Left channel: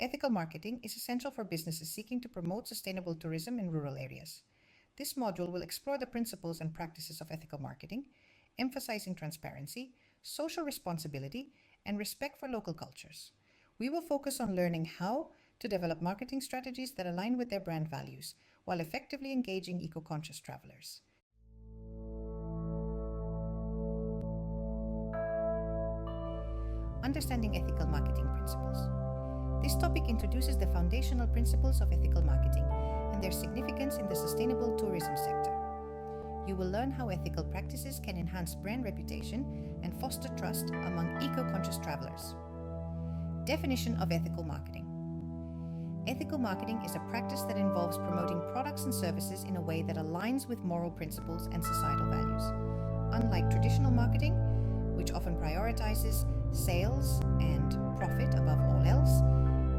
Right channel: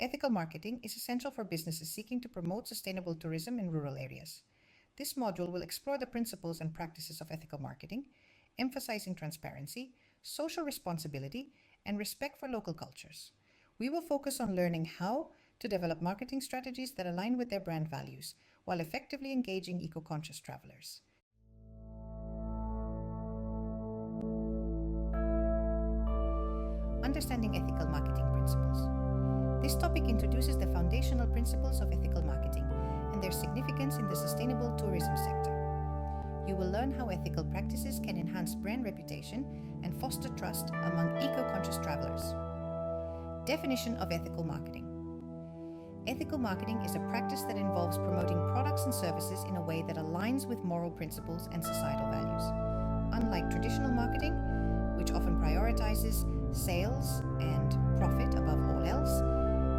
Ethical marketing is essential for businesses seeking to promote sustainable tourism in rural areas. This module will explore the principles and practices of ethical marketing, emphasizing transparency, social responsibility, and respect for local cultures. We will focus on learning how to develop marketing strategies that align with their brand values while effectively engaging eco-conscious travelers. Understanding ethical marketing principles. This topic introduces the foundational principles of ethical marketing and their significance in the sustainable tourism sector. You will learn how ethical practices can enhance brand reputation and foster trust among eco-conscious travelers. Definition of ethical marketing. Ethical marketing is a practice that involves promoting products and services in a way that aligns with moral principles and societal values. Unlike traditional marketing, which often prioritizes sales and profit above all else,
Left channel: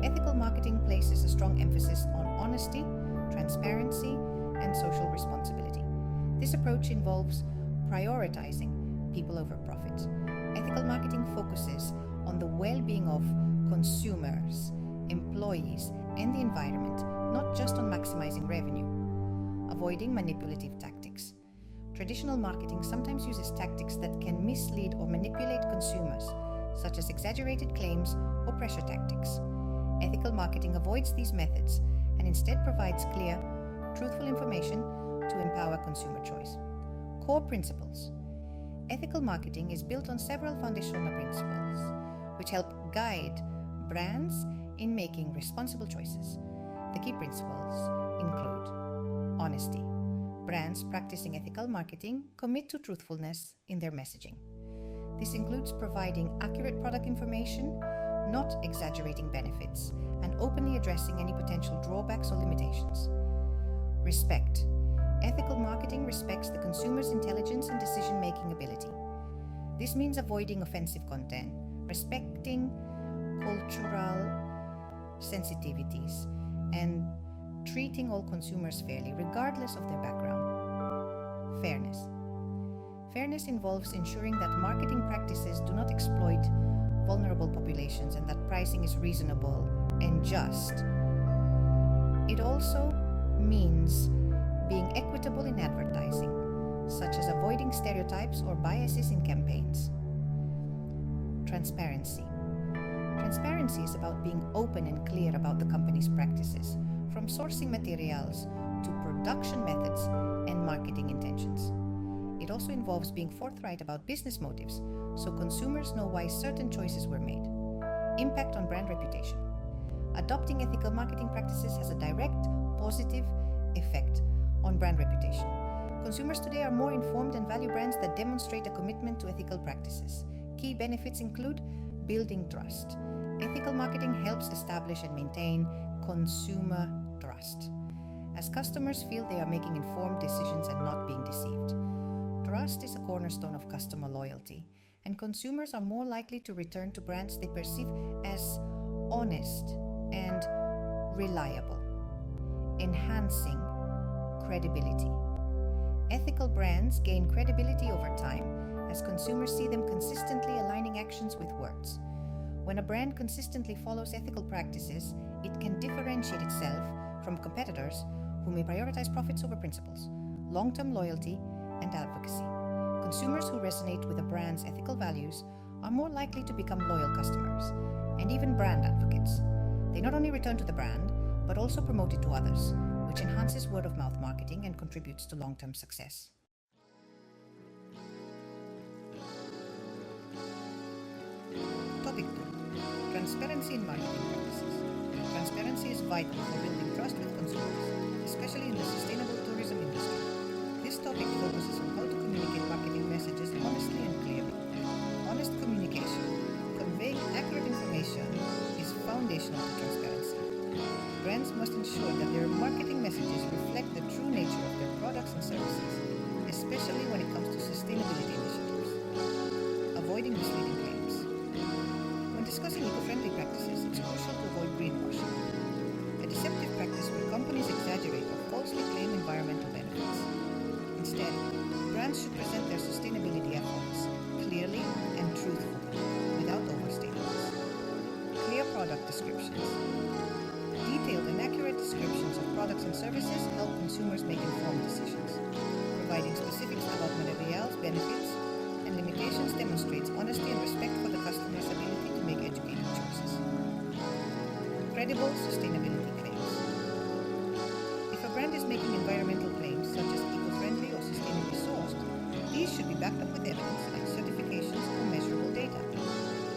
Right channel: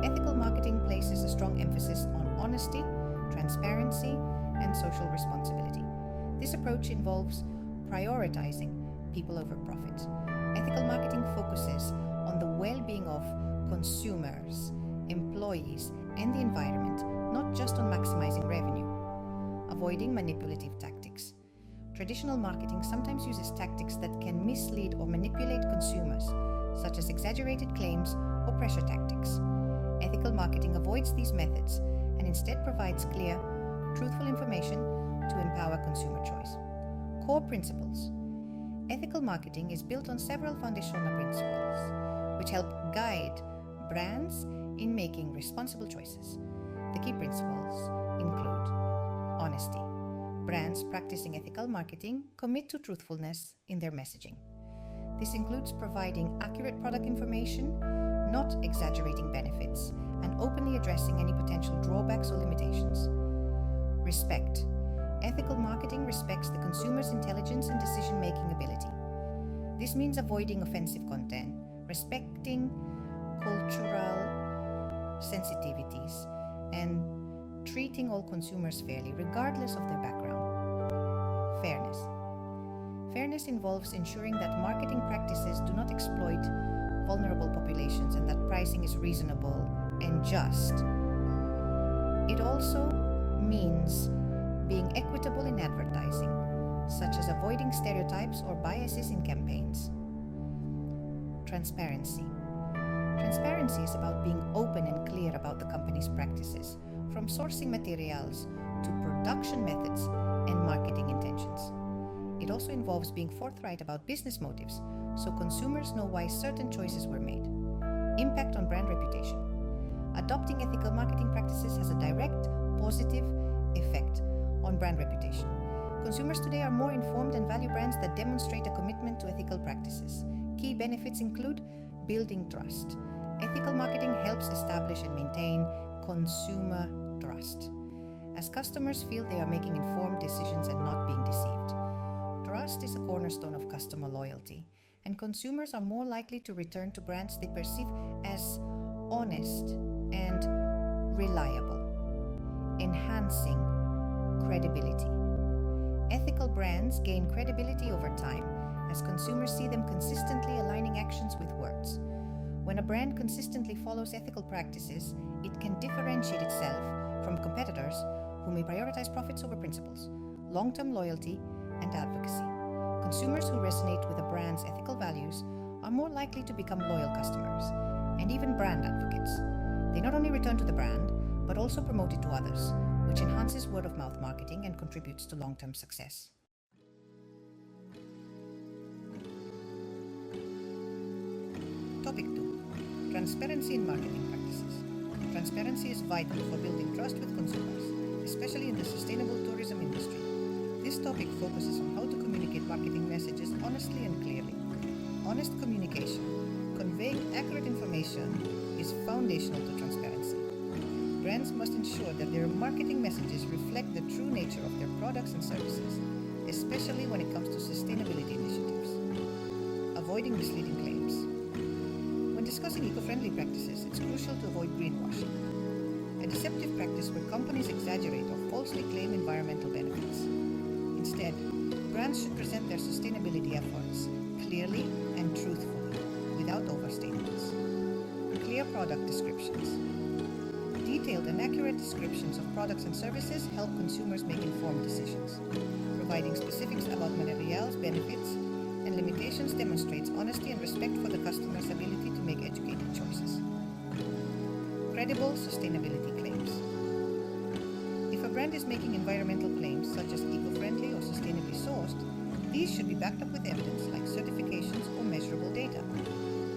ethical marketing places a strong emphasis on honesty, transparency, and social responsibility. This approach involves prioritizing people over profit. Ethical marketing focuses on the well-being of consumers, employees, and the environment, not just on maximizing revenue. Avoiding manipulative tactics. Traditional marketing sometimes uses tactics that can mislead or manipulate consumers, such as exaggerated claims or pressure tactics. Ethical marketing avoids these methods and instead provides clear, truthful information to empower consumer choice. Core principles. Ethical marketing is built on several foundational principles, which help guide brands in making responsible choices. The key principles include honesty. Brands practicing ethical marketing commit to truthfulness in their messaging. This includes providing accurate product information, not exaggerating benefits, and openly addressing any potential drawbacks or limitations. Respect. Ethical marketing respects the consumer's intelligence and decision-making ability. This means avoiding offensive content, respecting cultural sensitivities, and treating all consumers fairly, regardless of their background. Fairness. Fairness involves ensuring that marketing practices do not exploit vulnerable populations and that pricing is reasonable and just. It also means being equitable in advertising, such as avoiding stereotypes or biases in campaigns. Transparency. Transparency is about being open and clear about the company's practices, from sourcing materials to production methods and marketing intentions. It also involves being forthright about business motives, so consumers know why certain choices were made. Impact on brand reputation. Adopting ethical marketing practices has a direct, positive effect on brand reputation. Consumers today are more informed and value brands that demonstrate a commitment to ethical practices. Key benefits include building trust. Ethical marketing helps establish and maintain consumer trust, as customers feel they are making informed decisions and not being deceived. Trust is a cornerstone of customer loyalty, and consumers are more likely to return to brands they perceive as honest and reliable, enhancing credibility. Ethical brands gain credibility over time as consumers see them consistently aligning actions with words. When a brand consistently follows ethical practices, it can differentiate itself from competitors who may prioritize profits over principles, long-term loyalty, and advocacy. Consumers who resonate with a brand's ethical values are more likely to become loyal customers and even brand advocates. They not only return to the brand, but also promote it to others, which enhances word-of-mouth marketing and contributes to long-term success. Topic 2. Transparency in marketing practices. Transparency is vital for building trust with consumers, especially in the sustainable tourism industry. This topic focuses on how to communicate marketing messages honestly and clearly. Honest communication, conveying accurate information, is foundational to transparency. Brands must ensure that their marketing messages reflect the true nature of their products and services, especially when it comes to sustainability initiatives. Avoiding misleading claims. When discussing eco-friendly practices, it's crucial to avoid greenwashing, a deceptive practice where companies exaggerate or falsely claim environmental benefits. Instead, brands should present their sustainability efforts clearly and truthfully, without overstatements. Clear clear product descriptions. Detailed and accurate descriptions of products and services help consumers make informed decisions. Providing specifics about materials, benefits, and limitations demonstrates honesty and respect for the customer's ability to make educated choices. Credible sustainability claims. If a brand is making environmental claims such as eco-friendly or sustainably sourced, these should be backed up with evidence like certifications or measurable data.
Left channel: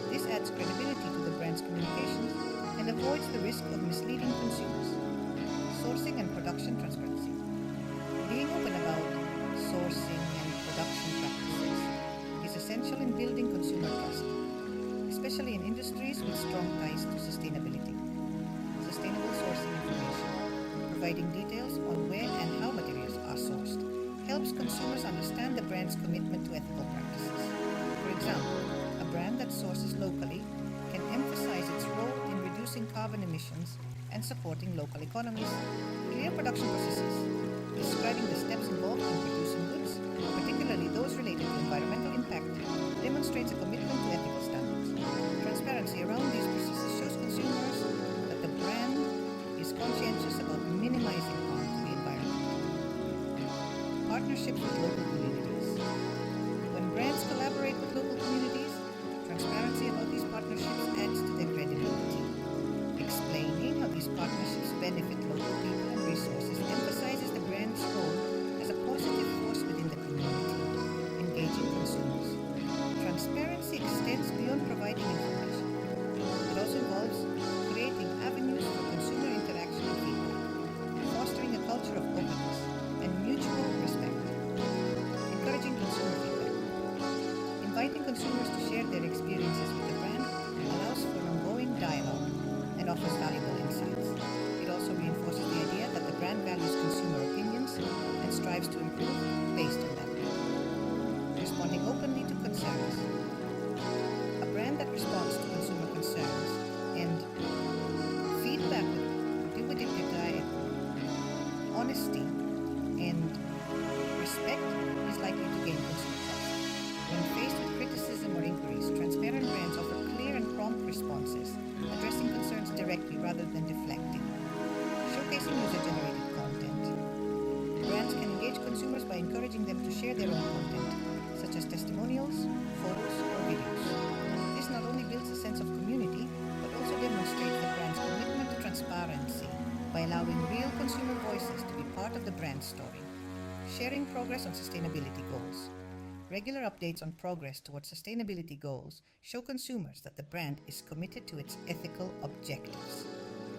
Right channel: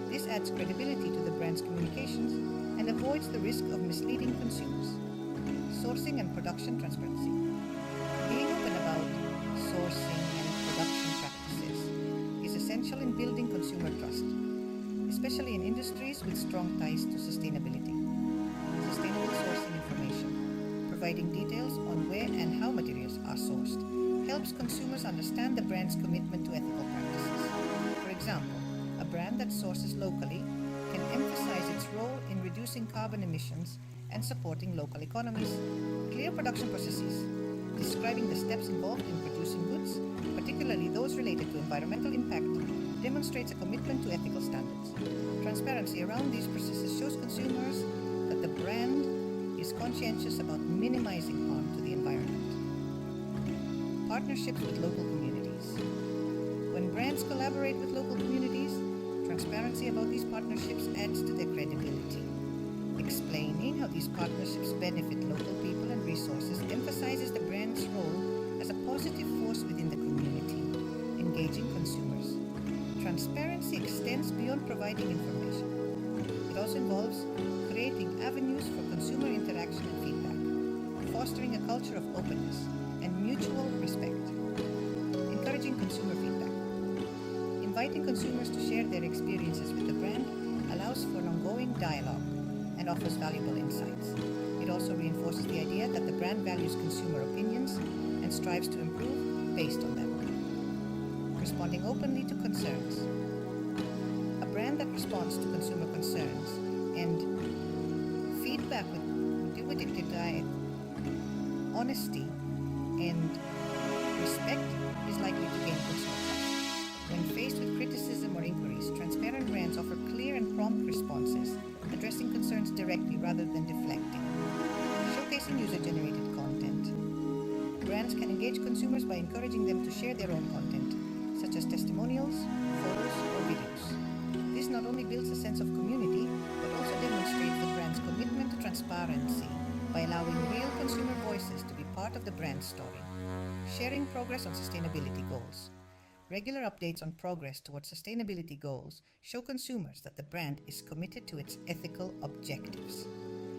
This adds credibility to the brand's communications and avoids the risk of misleading consumers. Sourcing and production transparency. Being open about sourcing and production practices is essential in building consumer trust, especially in industries with strong ties to sustainability. Sustainable sourcing information, providing details on where and how materials are sourced, helps consumers understand the brand's commitment to ethical practices. For example, a brand that sources locally can emphasize its role in reducing carbon emissions and supporting local economies. Clear production processes, describing the steps involved in producing goods, particularly those related to environmental impact, demonstrates a commitment to ethical standards. Transparency around these processes shows consumers that the brand is conscientious about minimizing harm to the environment. Partnerships with local communities. When brands collaborate with local communities, transparency about these partnerships adds to their credibility. Explaining how these partnerships benefit local people and resources emphasizes the brand's role as a positive force within the community, engaging consumers. Transparency extends beyond providing information. It also involves creating avenues for consumer interaction and feedback, fostering a culture of openness and mutual respect, encouraging consumer feedback. Inviting consumers to share their experiences with the brand allows for an ongoing dialogue and offers valuable insights. It also reinforces the idea that the brand values consumer opinions and strives to improve based on them. Responding openly to concerns. A brand that responds to consumer concerns and feedback with honesty and respect is likely to gain consumer trust. When faced with criticism or inquiries, transparent brands offer clear and prompt responses, addressing concerns directly rather than deflecting. Showcasing user-generated content. Brands can engage consumers by encouraging them to share their own content, such as testimonials, photos, or videos. This not only builds a sense of community, but also demonstrates the brand's commitment to transparency by allowing real consumer voices to be part of the brand story. Sharing progress on sustainability goals. Regular updates on progress towards sustainability goals show consumers that the brand is committed to its ethical objectives.